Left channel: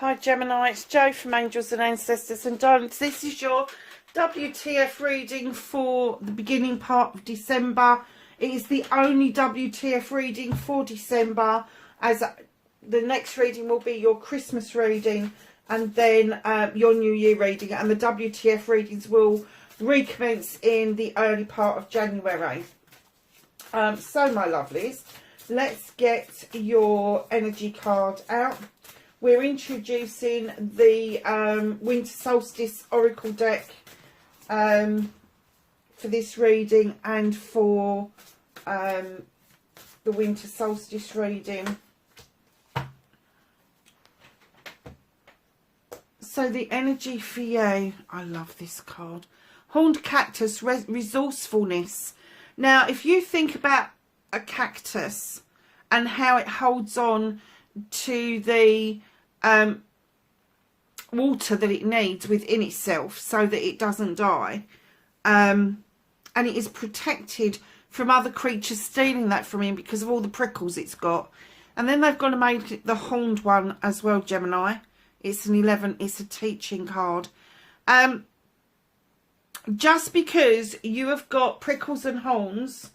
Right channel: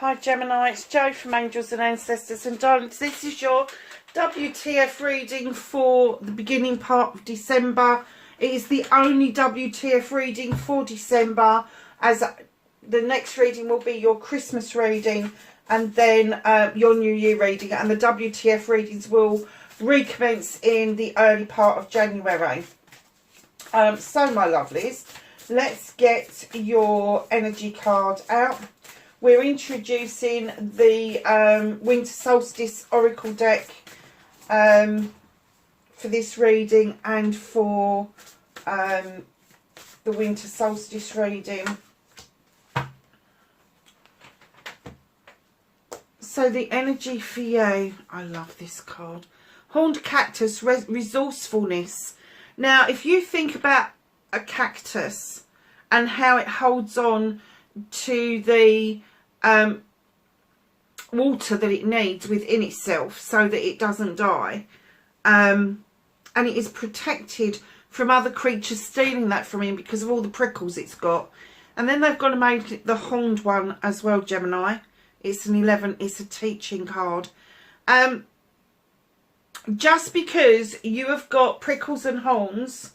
Hi Gemini, it's Jo from Angels and Ancestors and Darlings. This is your WTF reading for the beginning part of December. It is the only WTF reading for December, as the next reading will be your Christmas reading and then your New Year reading, and the WTF readings will recommence in the early part of January. So my lovelies, let's get your energy card out. We're introducing the Winter Solstice Oracle deck for this reading and for the Winter Solstice reading. So the energy for you, I love this card. Horned Cactus, resourcefulness. Now, if you think about a cactus and how it holds on to the water that it needs within itself so that it doesn't die, and it is protected from other creatures stealing that from him because of all the prickles it's got. And then they've got to make it the horned one as well, Gemini. It's an 11, it's a teaching card. Just because you have got prickles and horns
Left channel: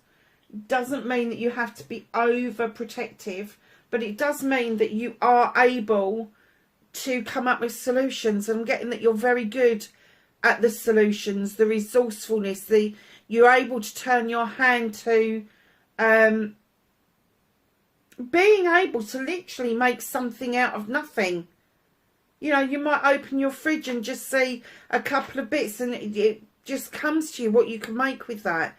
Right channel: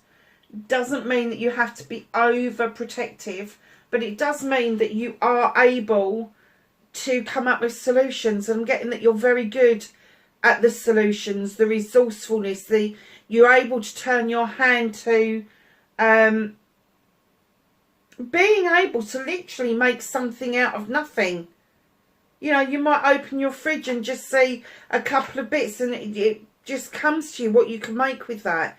doesn't mean that you have to be overprotective, but it does mean that you are able to come up with solutions. And I'm getting that you're very good at the solutions, the resourcefulness, you're able to turn your hand to being able to literally make something out of nothing. You know, you might open your fridge and just see a couple of bits and it just comes to you what you can make with that.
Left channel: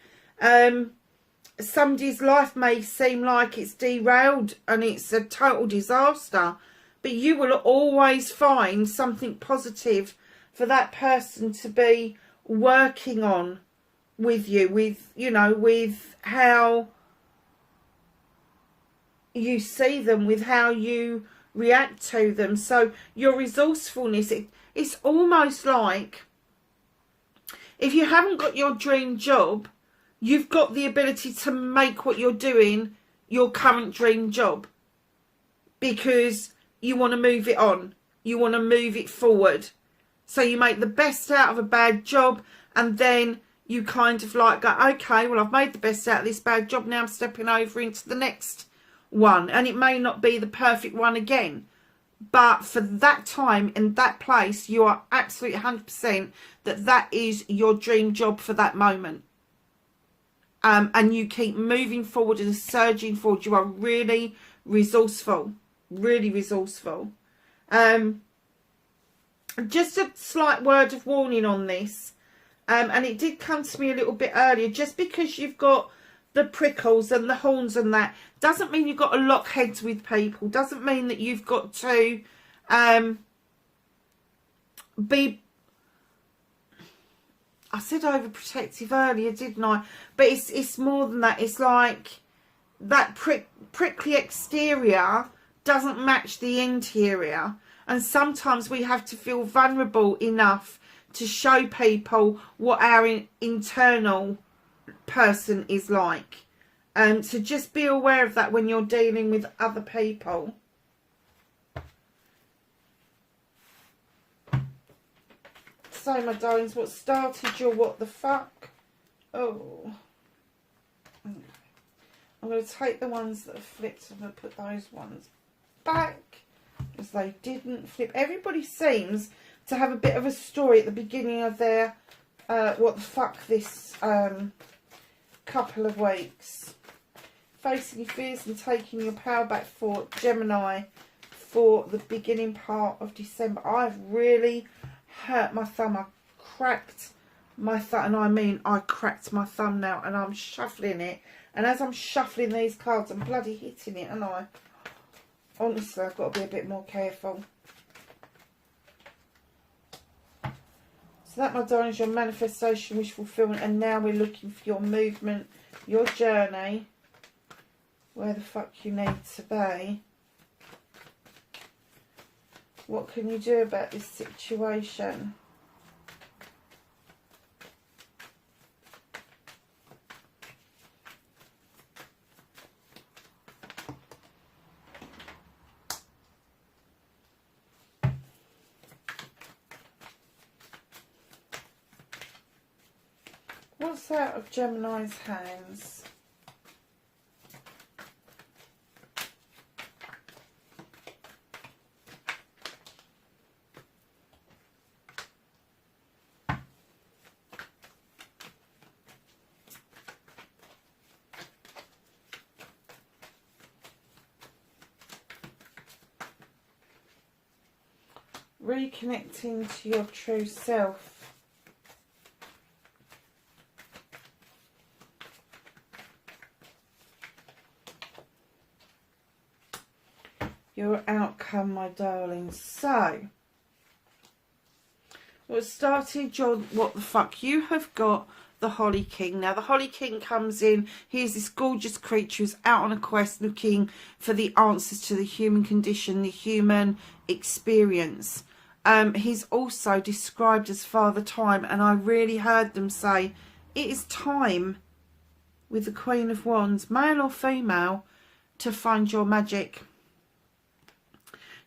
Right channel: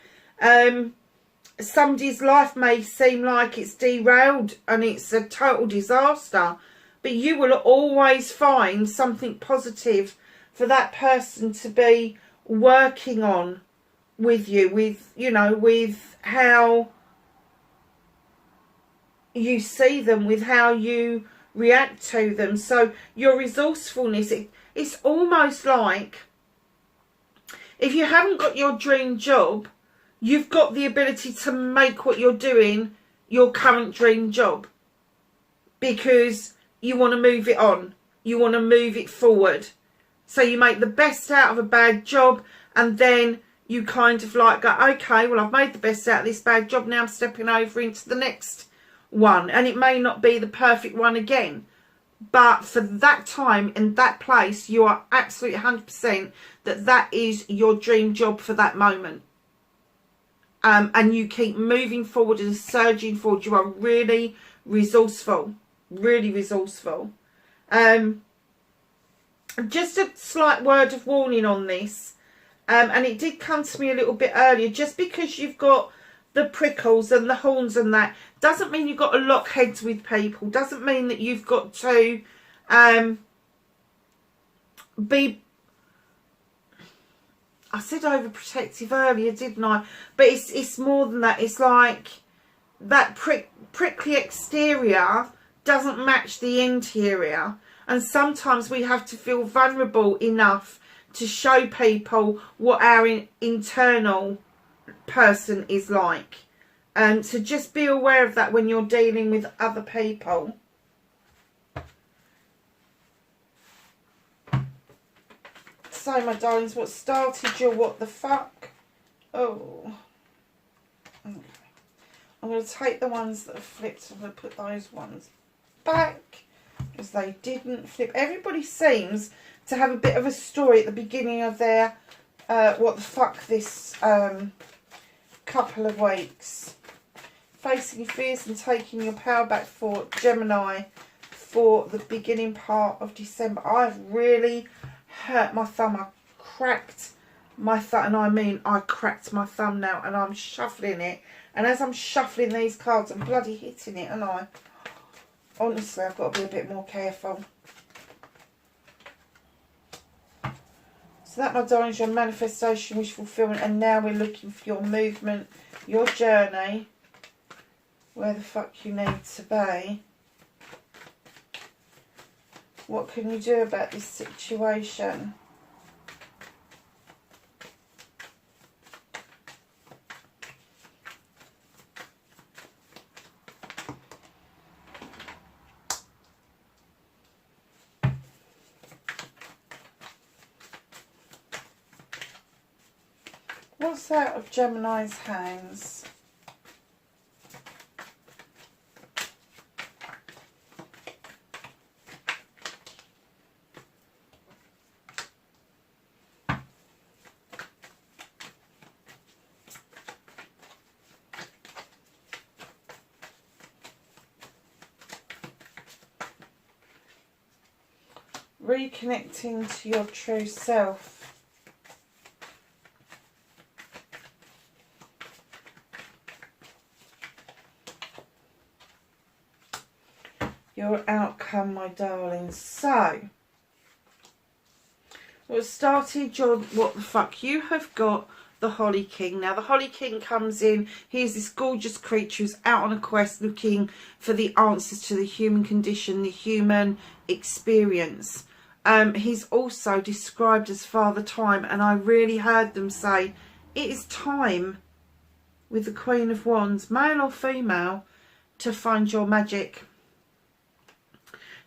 Somebody's life may seem like it's derailed and it's a total disaster, but you will always find something positive for that person to be working on with you, with how you see them, with how you react to them. So your resourcefulness, it's almost like if you haven't got your dream job, you've got the ability to make what you're doing your current dream job, because you want to move it on, you want to move it forward. So you make the best out of a bad job, and then you kind of like go, okay, well, I've made the best out of this bad job, now I'm stepping over into the next one. And it may not be the perfect one again, but for that time in that place, you are absolutely 100% that is your dream job for that moment. And you keep moving forward and surging forward. You are really resourceful, really resourceful. Just a slight word of warning on this, and it did come to me a little bit earlier. Just because you've got the prickles and the horns and that doesn't mean you've got to lock heads with people, doesn't mean that you've got to be, I said overprotective earlier, didn't I? But it's more than that. It's like that prickly exterior doesn't match the interior. And sometimes we have to feel vulnerable enough to show people what our internal person is like. So just be aware of that when you're dealing with other people. So my darlings, what started your what the fuck? Oh, okay. I'm going to take the ones that have flipped. I'm going to put those ones back because they didn't flip. Everybody seems to have a bit of a story at the beginning of their what the fuck this couple of weeks. Facing your fears and taking your power back for Gemini for the beginning part of December. I've really hurt my thumb. I cracked my thumb, and I mean I cracked my thumb now, and I'm shuffling it, and as I'm shuffling these cards I'm bloody hitting it, and I honestly I've got to be a bit more careful. So that, my darlings, your manifestation, wish fulfillment, and now we're looking for your movement, your journey, where the fuck you need to be. What can you do about this situation? What's out of Gemini's hands? Reconnecting to your true self. Your outcome, my darling. So, what started your what the fuck? You have got the Holly King. Now, the Holly King comes in. He's this gorgeous creature who's out on a quest looking for the answers to the human condition, the human experience. He's also described as Father Time, and I really heard them say it is time with the Queen of Wands, male or female, to find your magic.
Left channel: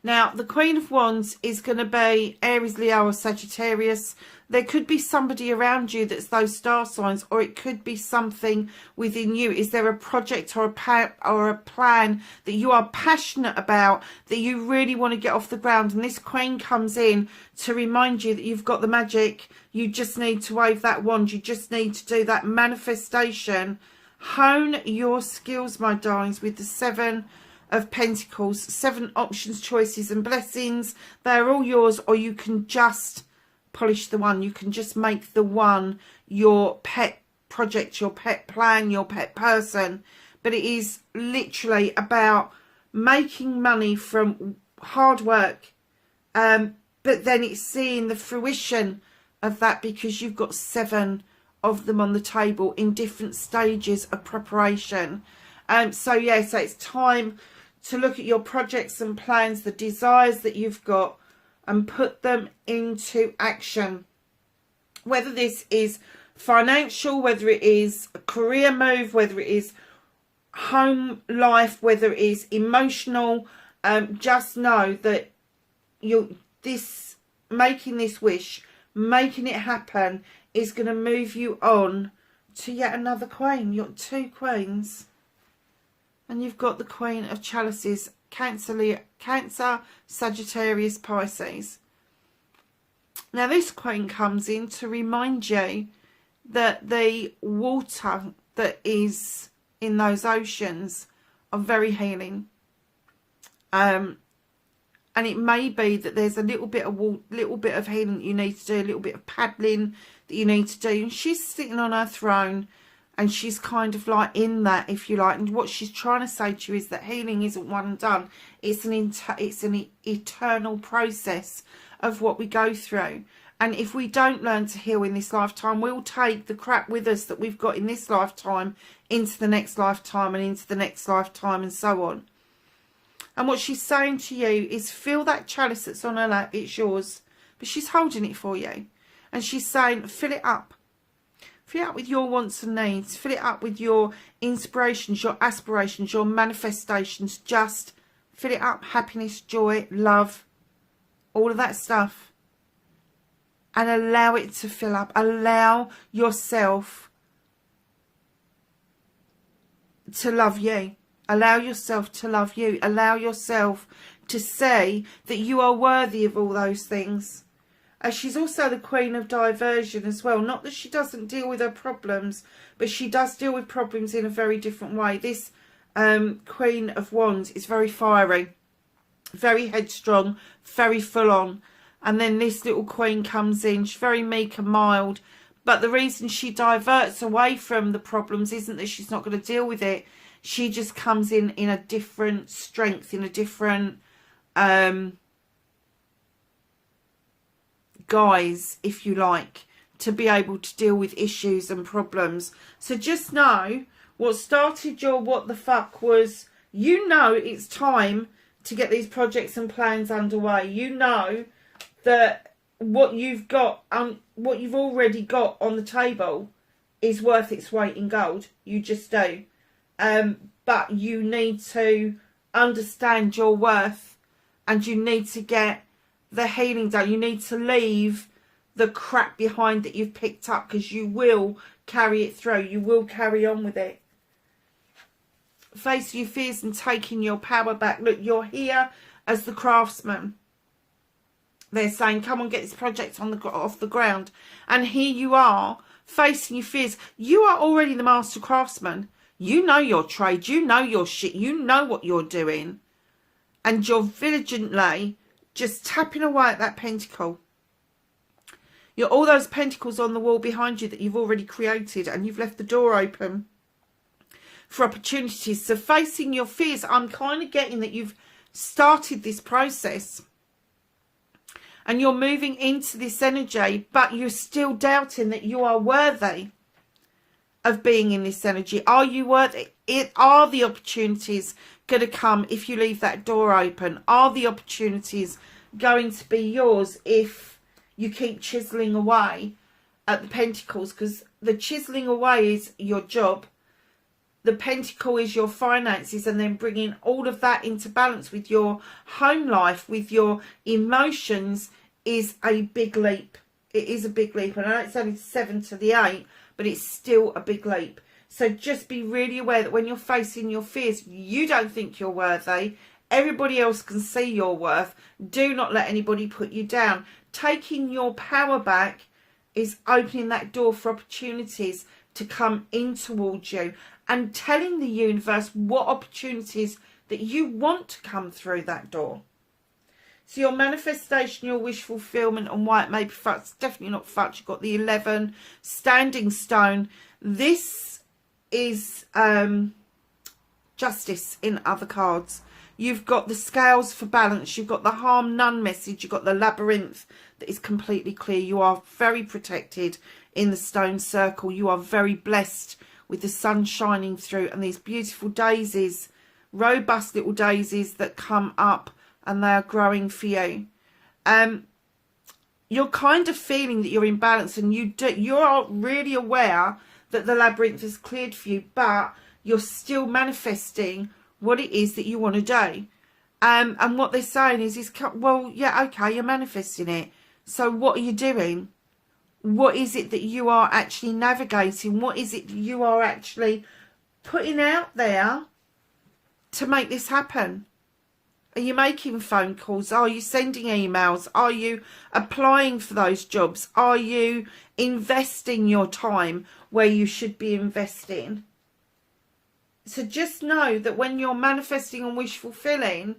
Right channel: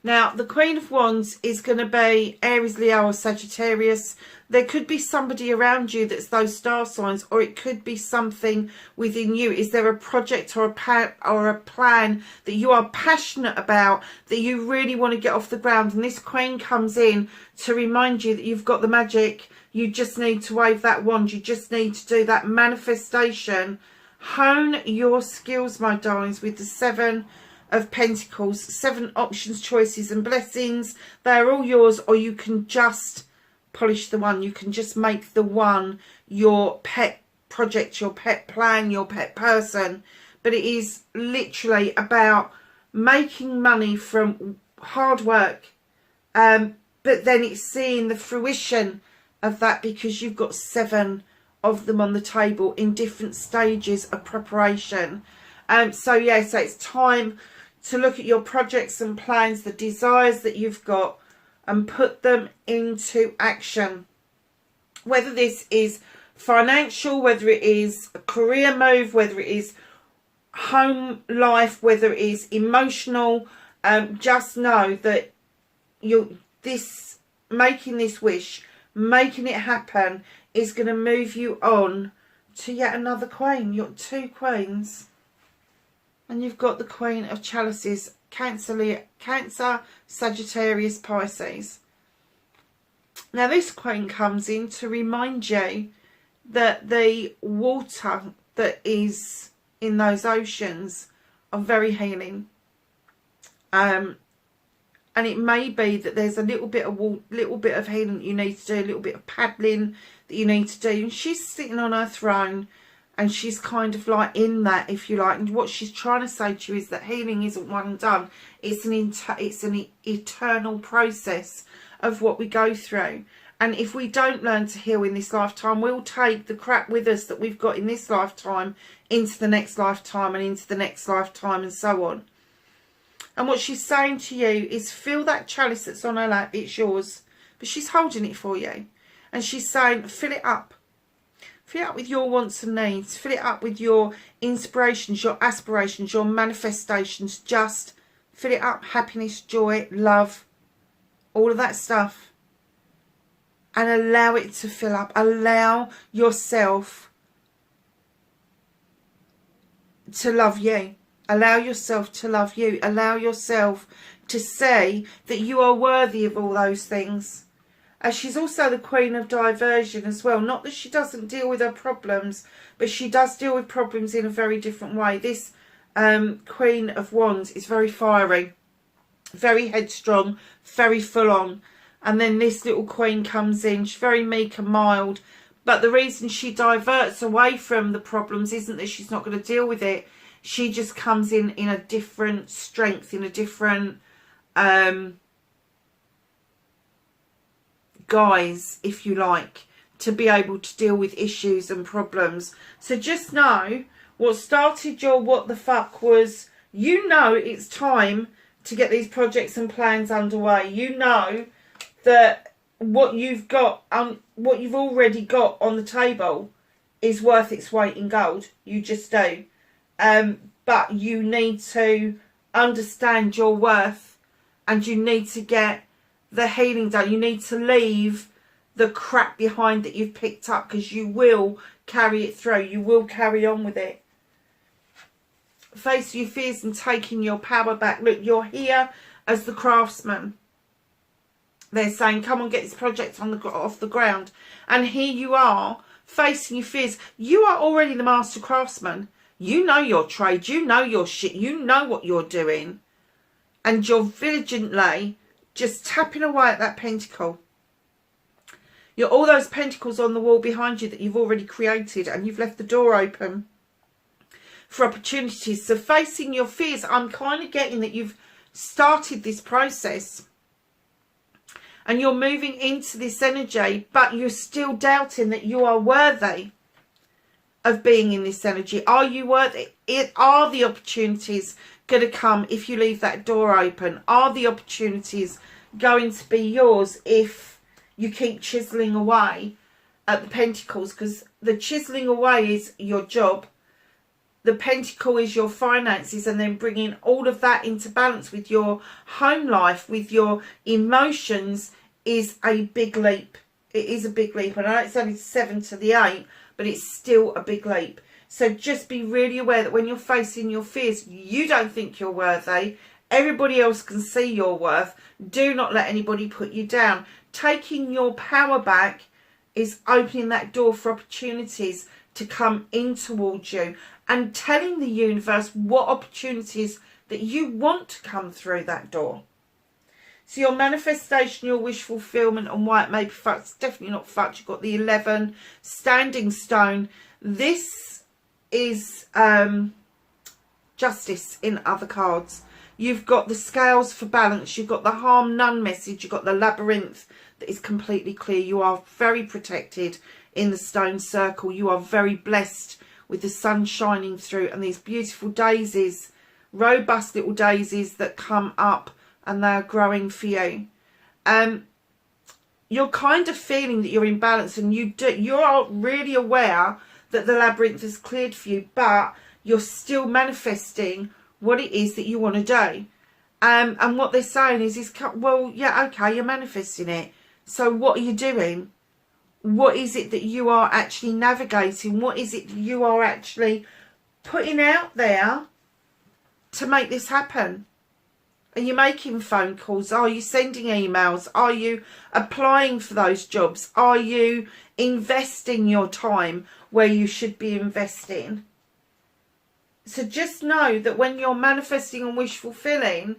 Now, the Queen of Wands is going to be Aries, Leo or Sagittarius. There could be somebody around you that's those star signs, or it could be something within you. Is there a project or a plan that you are passionate about, that you really want to get off the ground? And this Queen comes in to remind you that you've got the magic. You just need to wave that wand. You just need to do that manifestation. Hone your skills, my darlings, with the 7 of Pentacles. 7 options, choices and blessings. They're all yours, or you can just polish the one. You can just make the one your pet project, your pet plan, your pet person. But it is literally about making money from hard work, but then it's seeing the fruition of that, because you've got 7 of them on the table in different stages of preparation. So it's time to look at your projects and plans, the desires that you've got, and put them into action. Whether this is financial, whether it is a career move, whether it is home life, whether it is emotional, just know that making this wish, making it happen, is going to move you on to yet another Queen. You've got 2 Queens. And you've got the Queen of Chalices, Cancer, Sagittarius, Pisces. Now, this Queen comes in to remind you that the water that is in those oceans are very healing. And it may be that there's a little bit of healing that you need to do, a little bit of paddling that you need to do. And she's sitting on her throne, and she's kind of like in that, if you like. And what she's trying to say to you is that healing isn't one and done. It's an eternal process of what we go through. And if we don't learn to heal in this lifetime, we'll take the crap with us that we've got in this lifetime into the next lifetime and into the next lifetime and so on. And what she's saying to you is, feel that chalice that's on her lap. It's yours. But she's holding it for you. And she's saying, fill it up. Fill it up with your wants and needs. Fill it up with your inspirations, your aspirations, your manifestations. Just fill it up. Happiness, joy, love, all of that stuff. And allow it to fill up. Allow yourself to love you. Allow yourself to love you. Allow yourself to say that you are worthy of all those things. She's also the Queen of Diversion as well. Not that she doesn't deal with her problems, but she does deal with problems in a very different way. This Queen of Wands is very fiery, very headstrong, very full on. And then this little Queen comes in. She's very meek and mild. But the reason she diverts away from the problems isn't that she's not going to deal with it. She just comes in a different strength, in a different guise, if you like, to be able to deal with issues and problems. So just know what started your what the fuck was, you know it's time to get these projects and plans underway. You know that what you've got, what you've already got on the table is worth its weight in gold. You just do. But you need to understand your worth, and you need to get the healing done. You need to leave the crap behind that you've picked up, because you will carry it through. You will carry on with it. Face your fears and taking your power back. Look, you're here as the craftsman. They're saying, come on, get this project off the ground. And here you are, facing your fears. You are already the master craftsman. You know your trade. You know your shit. You know what you're doing. And you're diligently just tapping away at that pentacle. You're all those pentacles on the wall behind you that you've already created, and you've left the door open for opportunities. So facing your fears, I'm kind of getting that you've started this process and you're moving into this energy, but you're still doubting that you are worthy of being in this energy. Are you worthy? Are the opportunities going to come if you leave that door open? Are the opportunities going to be yours if you keep chiseling away at the pentacles? Because the chiseling away is your job. The pentacle is your finances, and then bringing all of that into balance with your home life, with your emotions, is a big leap. It is a big leap. And I know it's only 7 to the 8, but it's still a big leap. So just be really aware that when you're facing your fears, you don't think you're worthy. Everybody else can see your worth. Do not let anybody put you down. Taking your power back is opening that door for opportunities to come in towards you, and telling the universe what opportunities that you want to come through that door. So your manifestation, your wish fulfillment, and why it may be fucked, it's definitely not fucked. You've got the 11, standing stone. This is justice in other cards. You've got the scales for balance. You've got the harm none message. You've got the labyrinth that is completely clear. You are very protected in the stone circle. You are very blessed with the sun shining through, and these beautiful daisies, robust little daisies that come up, and they're growing for you. You're kind of feeling that you're in balance, and you are really aware that the labyrinth is cleared for you, but you're still manifesting what it is that you want to do. And what they're saying is, well, yeah, okay, you're manifesting it. So what are you doing? What is it that you are actually navigating? What is it that you are actually putting out there to make this happen? Are you making phone calls? Are you sending emails? Are you applying for those jobs? Are you investing your time where you should be investing? So just know that when you're manifesting and wish fulfilling,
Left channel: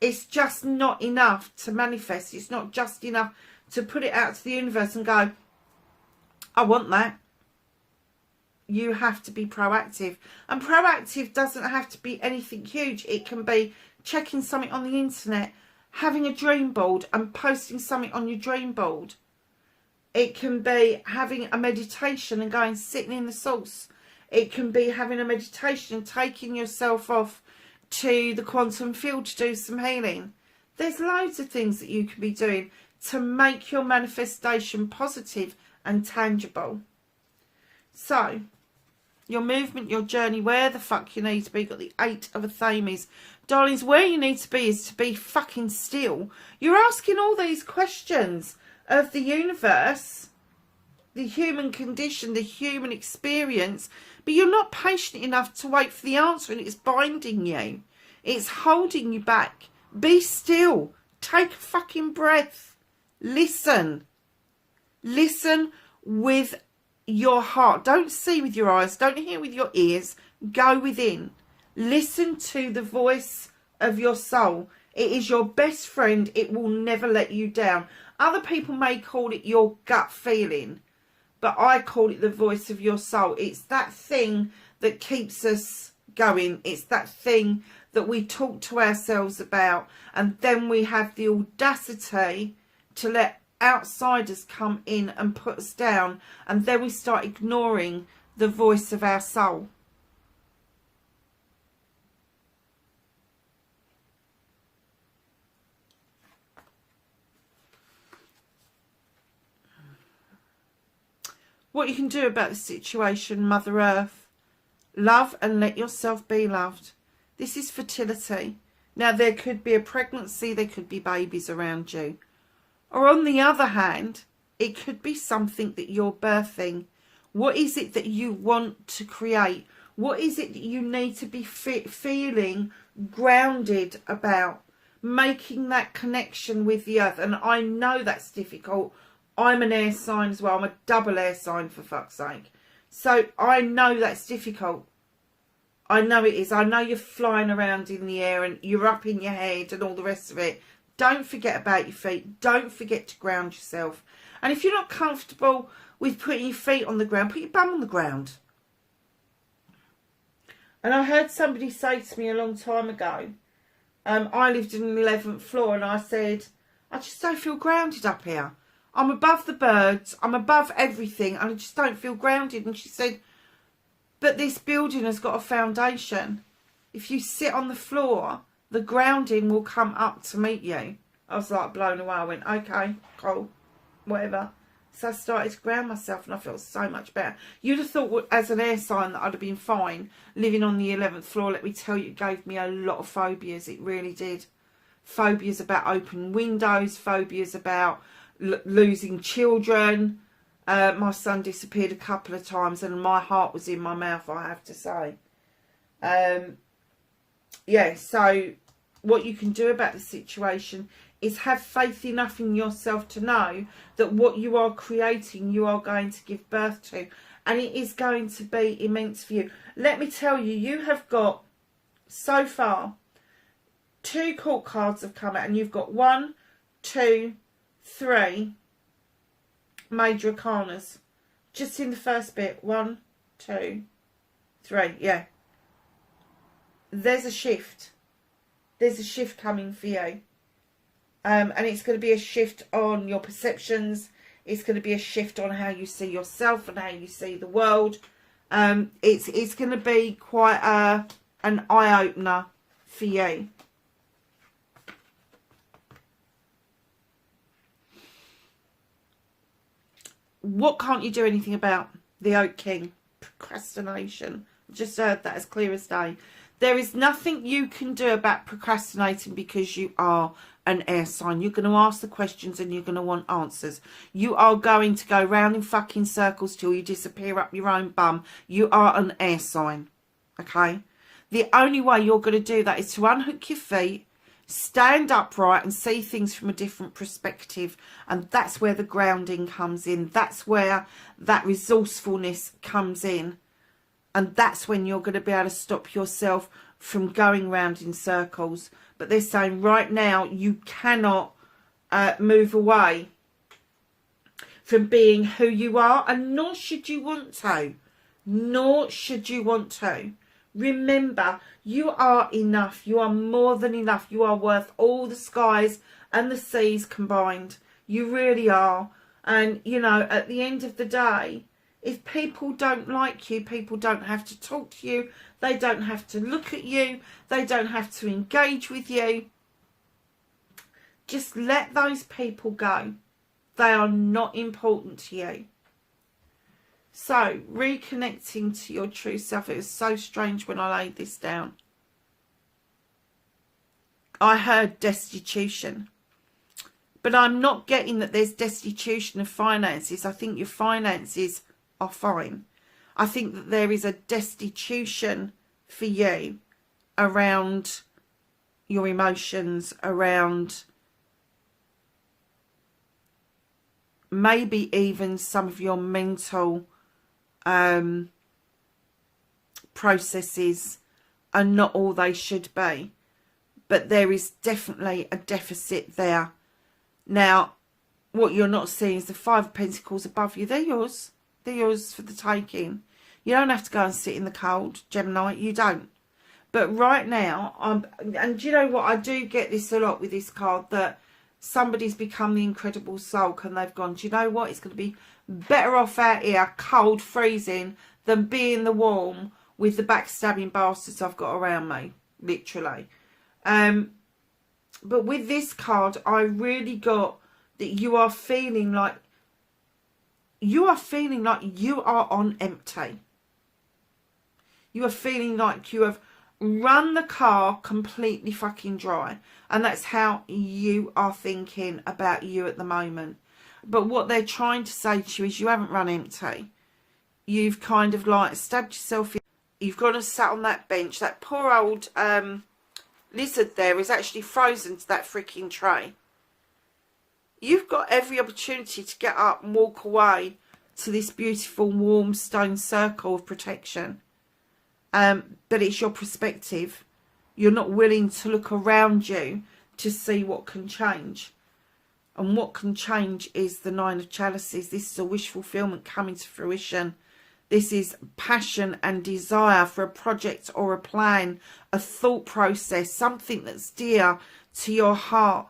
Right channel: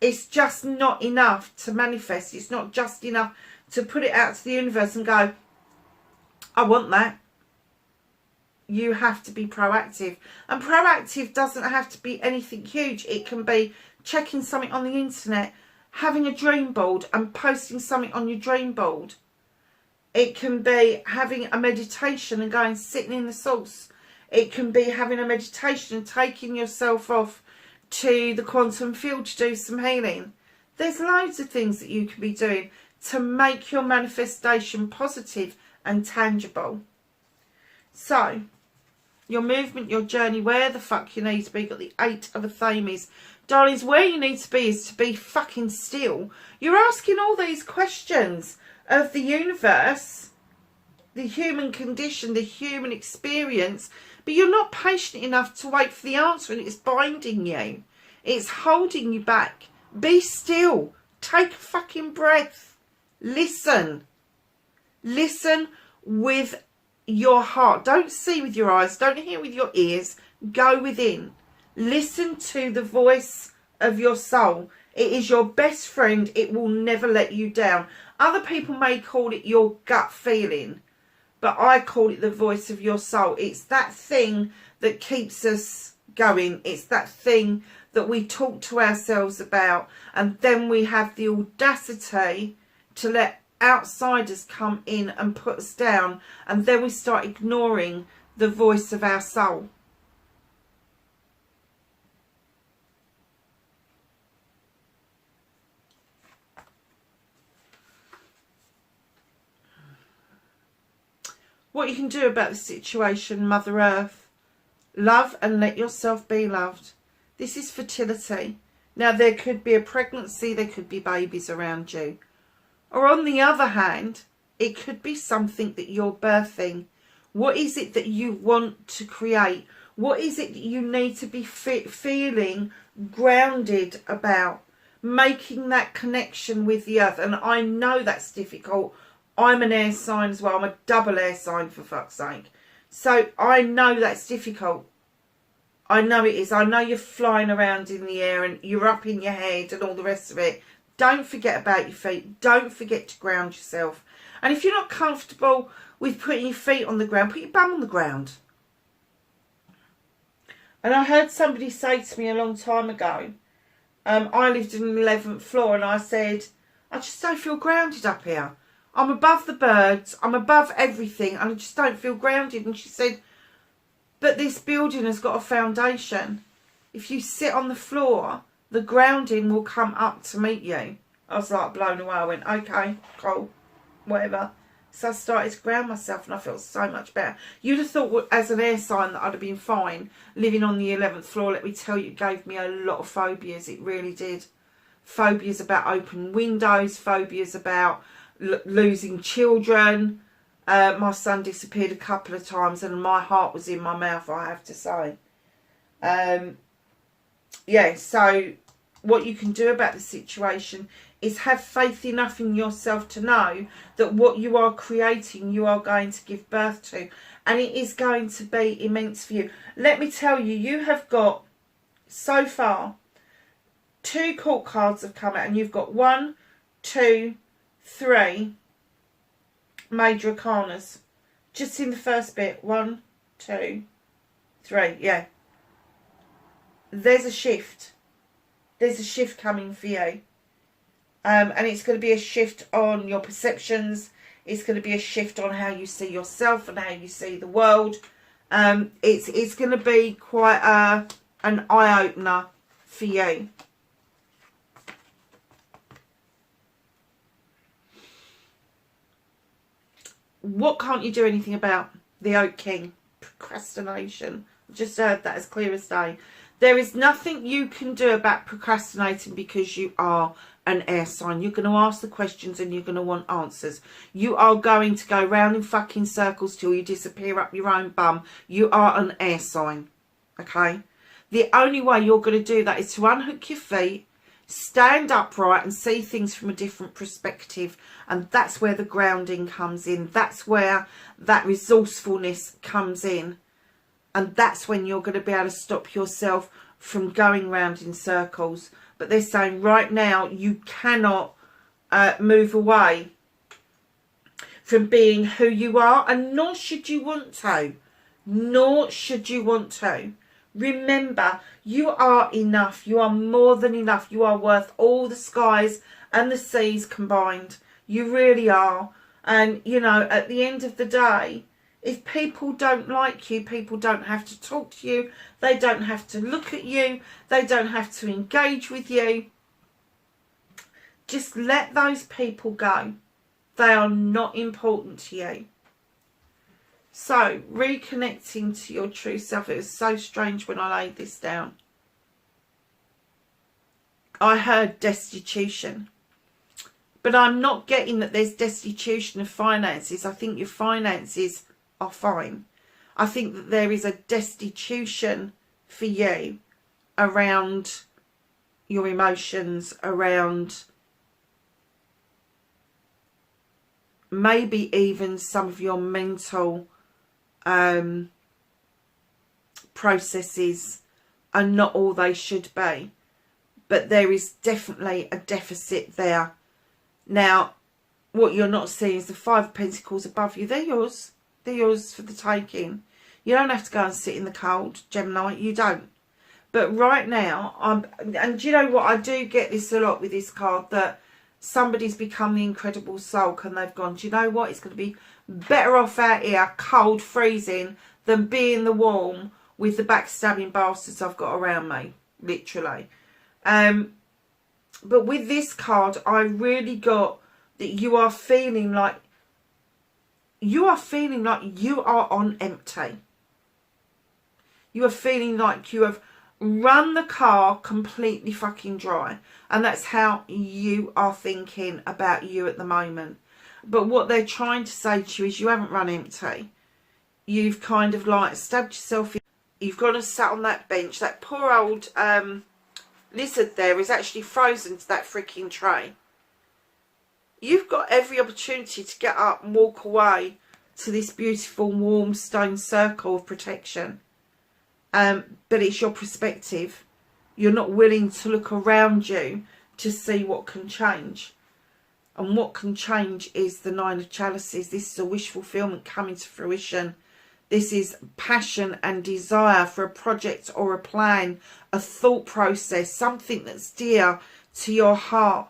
it's just not enough to manifest. It's not just enough to put it out to the universe and go, I want that. You have to be proactive. And proactive doesn't have to be anything huge. It can be checking something on the internet, having a dream board and posting something on your dream board. It can be having a meditation and going sitting in the source. It can be having a meditation and taking yourself off to the quantum field to do some healing. There's loads of things that you can be doing to make your manifestation positive and tangible. So, your movement, your journey, where the fuck you need to be. Got the 8 of Athames. Darlings, where you need to be is to be fucking still. You're asking all these questions of the universe, the human condition, the human experience, but you're not patient enough to wait for the answer, and it's binding you. It's holding you back. Be still. Take a fucking breath. Listen. Listen with your heart. Don't see with your eyes. Don't hear with your ears. Go within. Listen to the voice of your soul. It is your best friend. It will never let you down. Other people may call it your gut feeling, but I call it the voice of your soul. It's that thing that keeps us going. It's that thing that we talk to ourselves about, and then we have the audacity to let outsiders come in and put us down, and then we start ignoring the voice of our soul. What you can do about the situation, Mother Earth. Love and let yourself be loved. This is fertility. Now, there could be a pregnancy, there could be babies around you. Or on the other hand, it could be something that you're birthing, What is it that you want to create? What is it that you need to be feeling grounded about? Making that connection with the earth. And I know that's difficult. I'm an air sign as well. I'm a double air sign, for fuck's sake. So I know that's difficult. I know it is. I know you're flying around in the air and you're up in your head and all the rest of it. Don't forget about your feet. Don't forget to ground yourself. And if you're not comfortable with putting your feet on the ground, put your bum on the ground. And I heard somebody say to me a long time ago, I lived in the 11th floor, and I said, I just don't feel grounded up here. I'm above the birds, I'm above everything, and I just don't feel grounded. And she said, but this building has got a foundation. If you sit on the floor, the grounding will come up to meet you. I was like blown away. I went, okay, cool, whatever. So I started to ground myself, and I felt so much better. You'd have thought as an air sign that I'd have been fine living on the 11th floor. Let me tell you, it gave me a lot of phobias. It really did. Phobias about open windows, phobias about losing children. My son disappeared a couple of times, and my heart was in my mouth, I have to say. Yeah, so what you can do about the situation is have faith enough in yourself to know that what you are creating, you are going to give birth to. And it is going to be immense for you. Let me tell you, you have got, so far, 2 court cards have come out. And you've got 1, 2, 3 major arcanas. Just in the first bit. 1, 2, 3. Yeah. There's a shift. There's a shift coming for you. And it's going to be a shift on your perceptions. It's going to be a shift on how you see yourself and how you see the world. It's going to be quite an eye-opener for you. What can't you do anything about? The Oak King. Procrastination. Just heard that as clear as day. There is nothing you can do about procrastinating because you are an air sign. You're going to ask the questions and you're going to want answers. You are going to go round in fucking circles till you disappear up your own bum. You are an air sign. Okay? The only way you're going to do that is to unhook your feet, stand upright and see things from a different perspective. And that's where the grounding comes in. That's where that resourcefulness comes in. And that's when you're going to be able to stop yourself from going round in circles. But they're saying right now you cannot move away from being who you are. And nor should you want to. Nor should you want to. Remember, you are enough. You are more than enough. You are worth all the skies and the seas combined. You really are. And, you know, at the end of the day, if people don't like you, people don't have to talk to you. They don't have to look at you. They don't have to engage with you. Just let those people go. They are not important to you. So, reconnecting to your true self. It was so strange when I laid this down. I heard destitution. But I'm not getting that there's destitution of finances. I think your finances are fine. I think that there is a destitution for you around your emotions, around maybe even some of your mental processes are not all they should be. But there is definitely a deficit there. Now, what you're not seeing is the 5 of Pentacles above you. They're yours. They're yours for the taking. You don't have to go and sit in the cold, Gemini. You don't. But right now, and do you know what? I do get this a lot with this card, that somebody's become the incredible sulk and they've gone, do you know what? It's going to be better off out here, cold, freezing, than being the warm with the backstabbing bastards I've got around me. Literally. But with this card, I really got that you are feeling like you are on empty. You are feeling like you have run the car completely fucking dry. And that's how you are thinking about you at the moment. But what they're trying to say to you is you haven't run empty. you've kind of like stabbed yourself in. You've gone and sat on that bench. That poor old lizard there is actually frozen to that freaking tray. You've got every opportunity to get up and walk away to this beautiful warm stone circle of protection. But it's your perspective. You're not willing to look around you to see what can change. And what can change is the Nine of Chalices. This is a wish fulfillment coming to fruition. This is passion and desire for a project or a plan, a thought process, something that's dear to your heart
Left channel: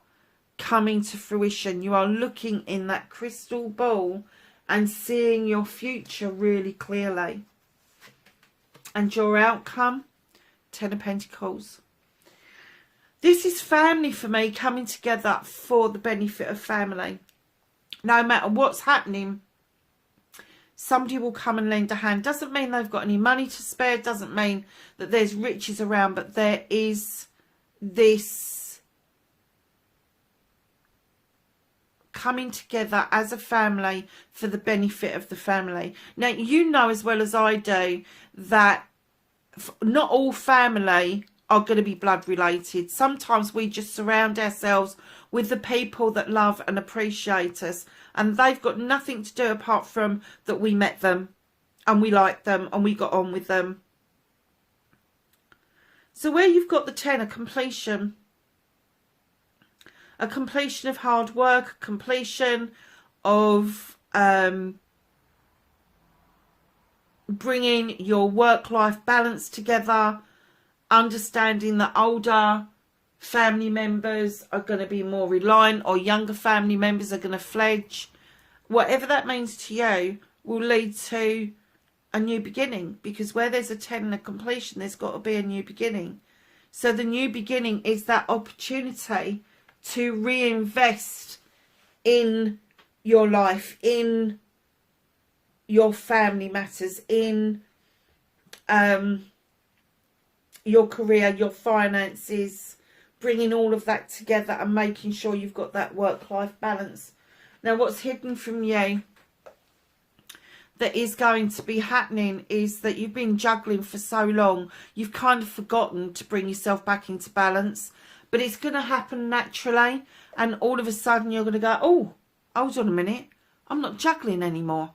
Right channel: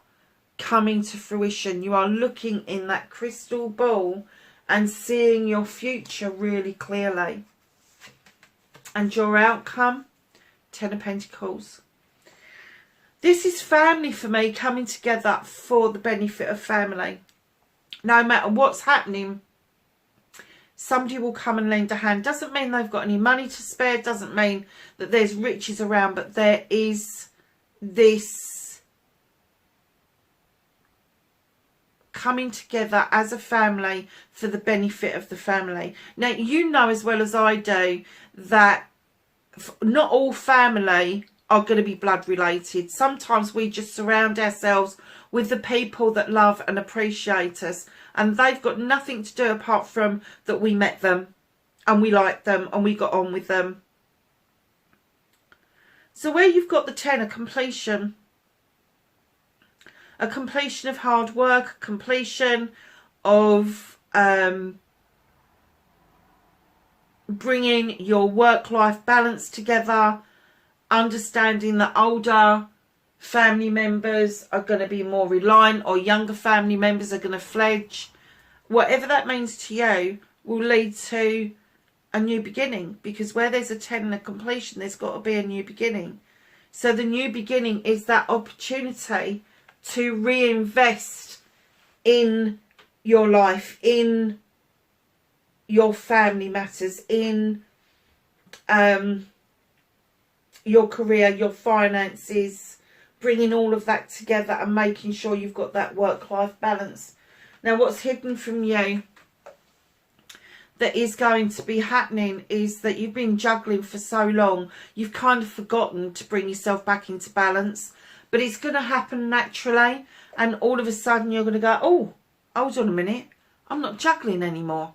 coming to fruition. You are looking in that crystal ball and seeing your future really clearly. And your outcome, Ten of Pentacles. This is family for me, coming together for the benefit of family. No matter what's happening, somebody will come and lend a hand. Doesn't mean they've got any money to spare. Doesn't mean that there's riches around. But there is this coming together as a family for the benefit of the family. Now, you know as well as I do that not all family are going to be blood related. Sometimes we just surround ourselves with the people that love and appreciate us, and they've got nothing to do apart from that we met them and we liked them and we got on with them. So where you've got the 10, a completion of hard work, a completion of bringing your work-life balance together, understanding that older family members are going to be more reliant or younger family members are going to fledge. Whatever that means to you will lead to a new beginning, because where there's a 10 and a completion, there's got to be a new beginning. So the new beginning is that opportunity to reinvest in your life, in your family matters, in your career, your finances, bringing all of that together and making sure you've got that work-life balance. Now, what's hidden from you that is going to be happening is that you've been juggling for so long, you've kind of forgotten to bring yourself back into balance. But it's going to happen naturally, and all of a sudden you're going to go, oh, hold on a minute, I'm not juggling anymore.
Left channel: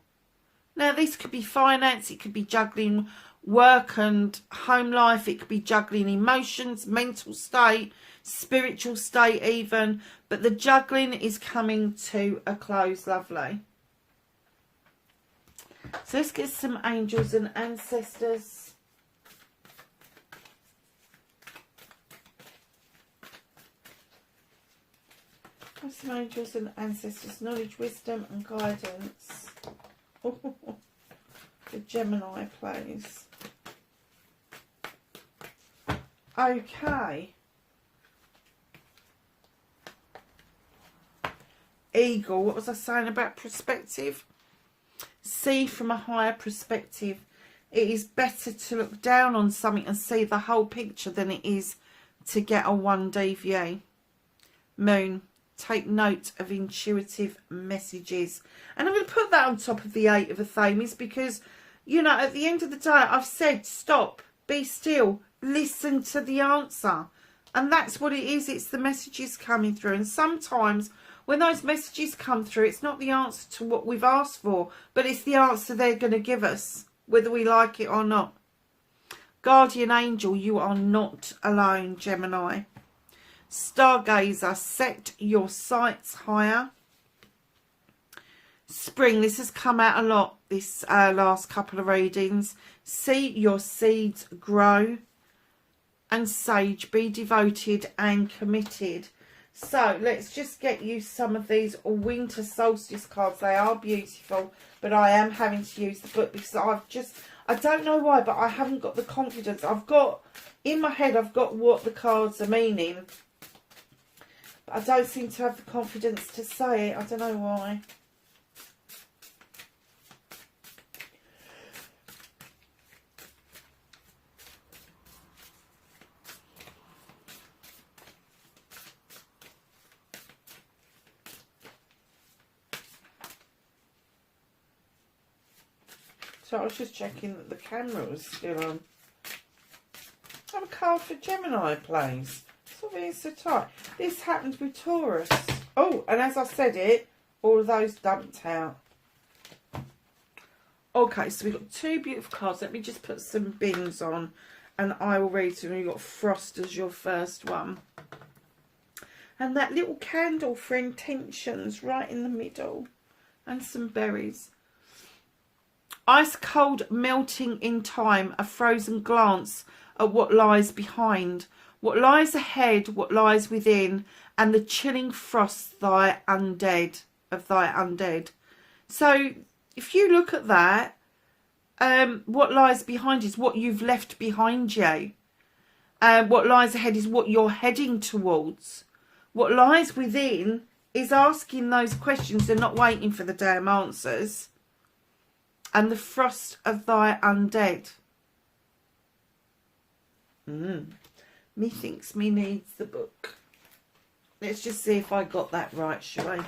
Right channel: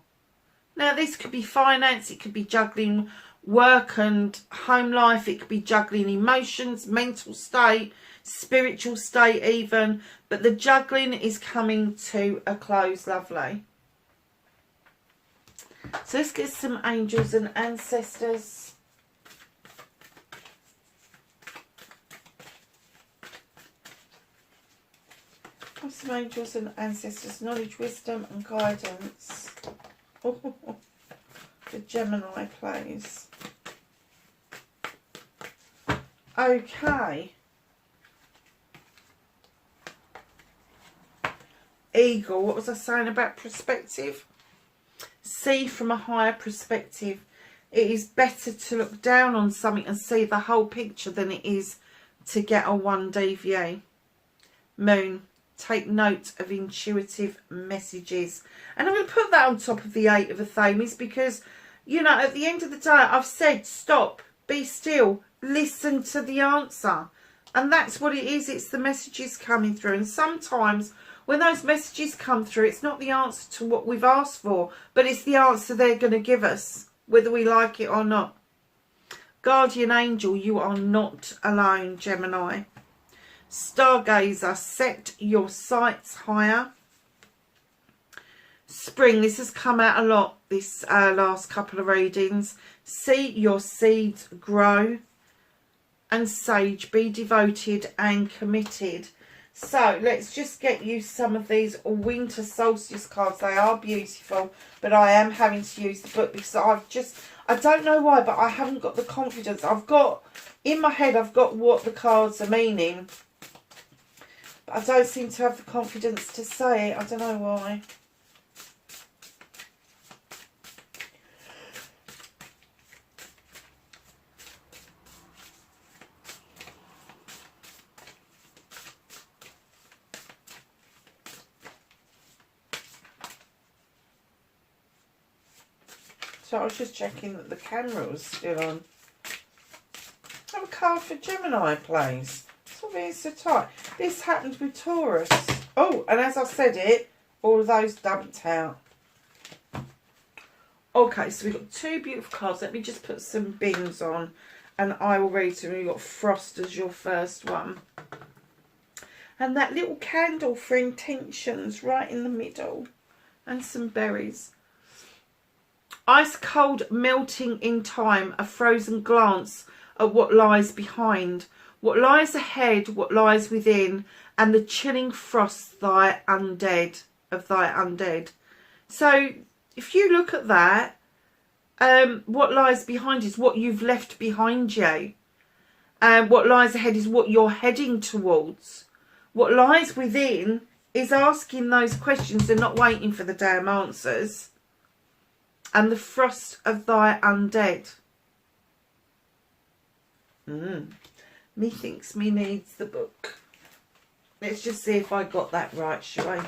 Now, this could be finance, it could be juggling work and home life, it could be juggling emotions, mental state, spiritual state even, but the juggling is coming to a close, lovely. So let's get some angels and ancestors. Some angels and ancestors, knowledge, wisdom and guidance. The Gemini plays. Okay. Eagle, what was I saying about perspective? See from a higher perspective. It is better to look down on something and see the whole picture than it is to get a 1D view. Moon, take note of intuitive messages. And I'm going to put that on top of the 8 of Athames because, you know, at the end of the day, I've said stop, be still, listen to the answer. And that's what it is. It's the messages coming through. And sometimes when those messages come through, it's not the answer to what we've asked for, but it's the answer they're going to give us, whether we like it or not. Guardian angel, you are not alone, Gemini. Stargazer, set your sights higher. Spring, this has come out a lot this last couple of readings. See your seeds grow. And Sage, be devoted and committed. So let's just get you some of these winter solstice cards. They are beautiful, but I am having to use the book because I don't know why, but I haven't got the confidence. I've got, in my head, I've got what the cards are meaning, but I don't seem to have the confidence to say it. I don't know why. So I was just checking that the camera was still on. I have a card for Gemini, please. Stop being so tight. This happened with Taurus. Oh, and as I said it, all of those dumped out. Okay, so we've got two beautiful cards. Let me just put some bins on and I will read them. We've got Frost as your first one. And that little candle for intentions right in the middle. And some berries. Ice cold melting in time, a frozen glance at what lies behind. What lies ahead, what lies within, and the chilling frost of thy undead. So if you look at that, what lies behind is what you've left behind you. And what lies ahead is what you're heading towards. What lies within is asking those questions and not waiting for the damn answers. And the frost of thy undead. Methinks me needs the book. Let's just see if I got that right, shall I?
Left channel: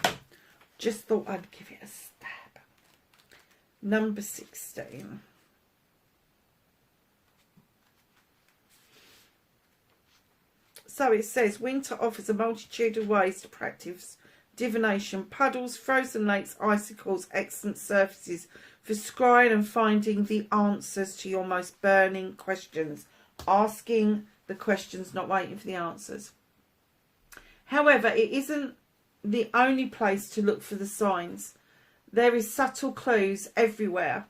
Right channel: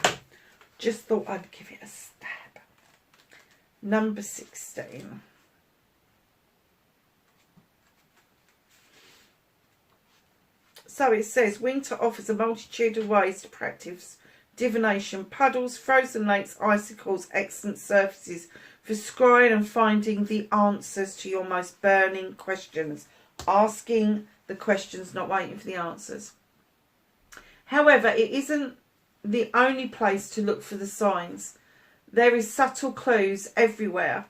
Just thought I'd give it a stab. Number 16. So it says, winter offers a multitude of ways to practice divination. Puddles, frozen lakes, icicles, excellent surfaces for scrying and finding the answers to your most burning questions. Asking the questions, not waiting for the answers. However, it isn't the only place to look for the signs. There is subtle clues everywhere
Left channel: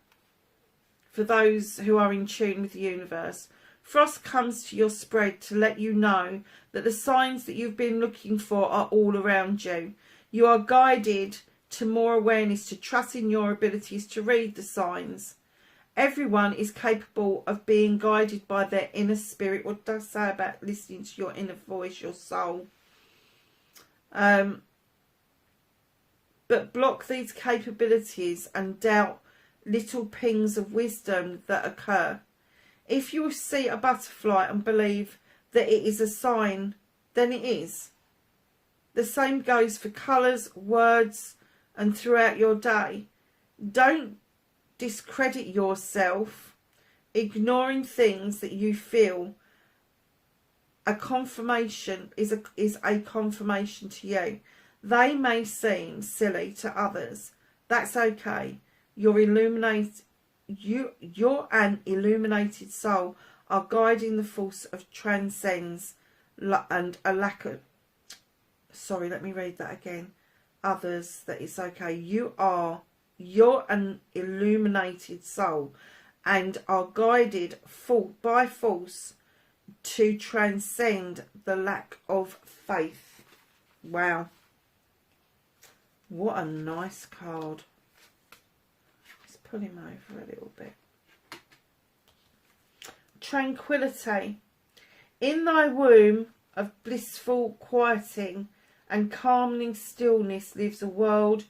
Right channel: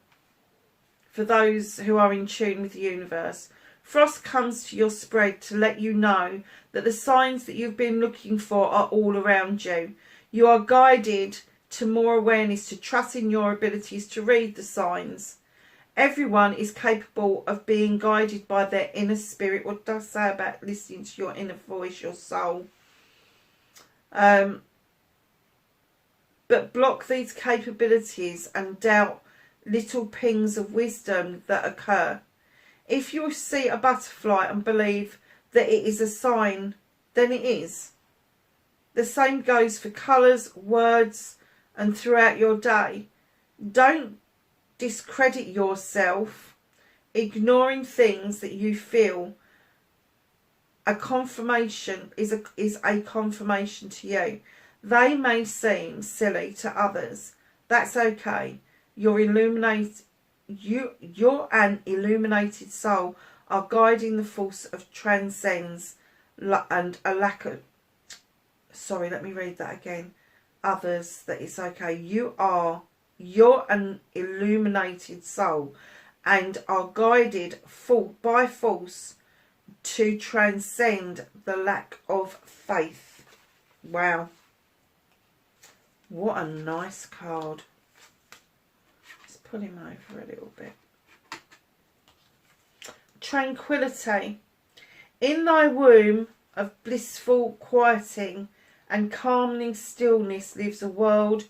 for those who are in tune with the universe. Frost comes to your spread to let you know that the signs that you've been looking for are all around you. You are guided to more awareness, to trust in your abilities to read the signs. Everyone is capable of being guided by their inner spirit. What does it say about listening to your inner voice, your soul? But block these capabilities and doubt little pings of wisdom that occur. If you see a butterfly and believe that it is a sign, then it is. The same goes for colours, words, and throughout your day. Don't discredit yourself, ignoring things that you feel a confirmation is a confirmation to you. They may seem silly to others. That's okay. You're an illuminated soul are guiding the force of transcends and a lack of, sorry, let me read that again. Others, that it's okay. You're an illuminated soul and are guided by force to transcend the lack of faith. Wow. What a nice card. Let's pull him over a little bit. Tranquility. In thy womb of blissful quieting and calming stillness lives a world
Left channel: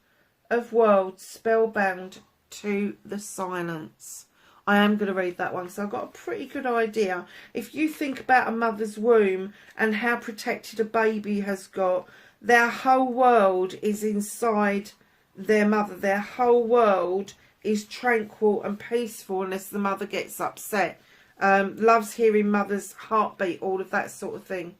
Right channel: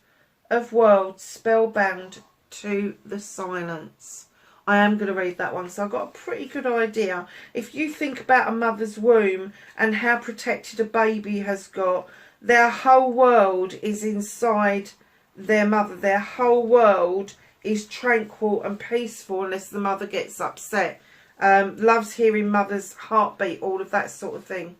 of worlds spellbound to the silence. I am going to read that one, so I've got a pretty good idea. If you think about a mother's womb and how protected a baby has got, their whole world is inside their mother. Their whole world is tranquil and peaceful unless the mother gets upset. Loves hearing mother's heartbeat, all of that sort of thing.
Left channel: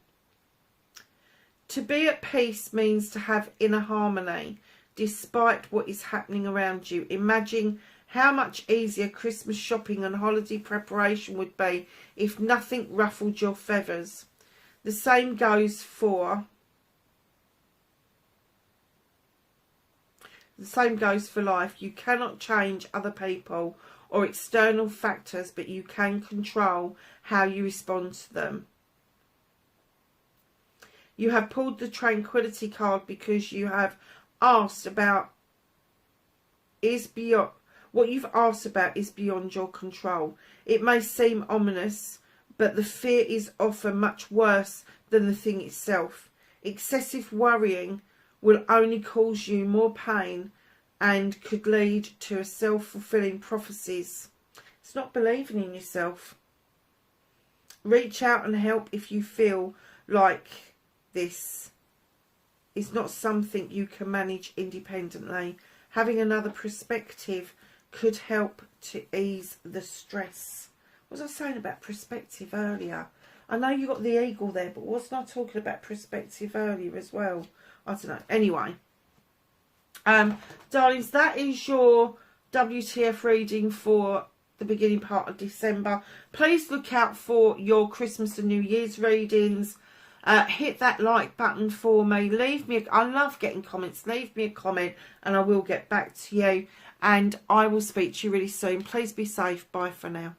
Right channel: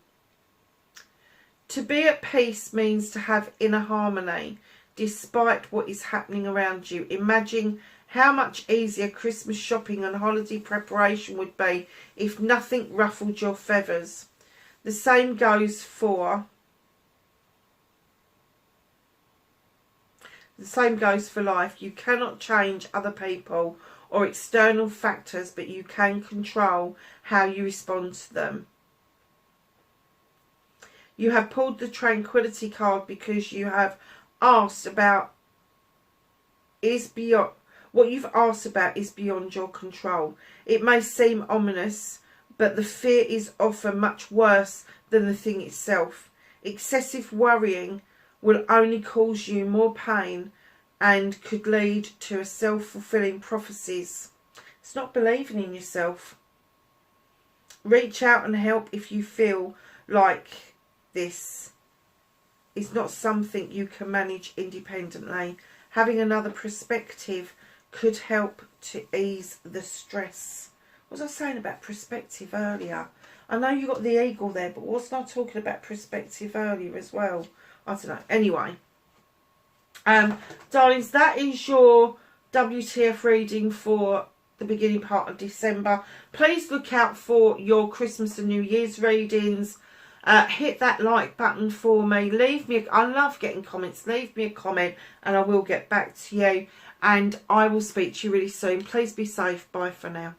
To be at peace means to have inner harmony despite what is happening around you. Imagine how much easier Christmas shopping and holiday preparation would be if nothing ruffled your feathers. The same goes for life. You cannot change other people or external factors, but you can control how you respond to them. You have pulled the Tranquility card because you have asked about what you've asked about is beyond your control. It may seem ominous, but the fear is often much worse than the thing itself. Excessive worrying will only cause you more pain and could lead to a self-fulfilling prophecies. It's not believing in yourself. Reach out and help if you feel like this is not something you can manage independently. Having another perspective could help to ease the stress. What was I saying about perspective earlier? I know you got the eagle there, but wasn't I talking about perspective earlier as well? I don't know. Anyway, darlings, that is your WTF reading for the beginning part of December. Please look out for your Christmas and New Year's readings. Hit that like button for me. Leave me, I love getting comments. Leave me a comment and I will get back to you. And I will speak to you really soon. Please be safe. Bye for now.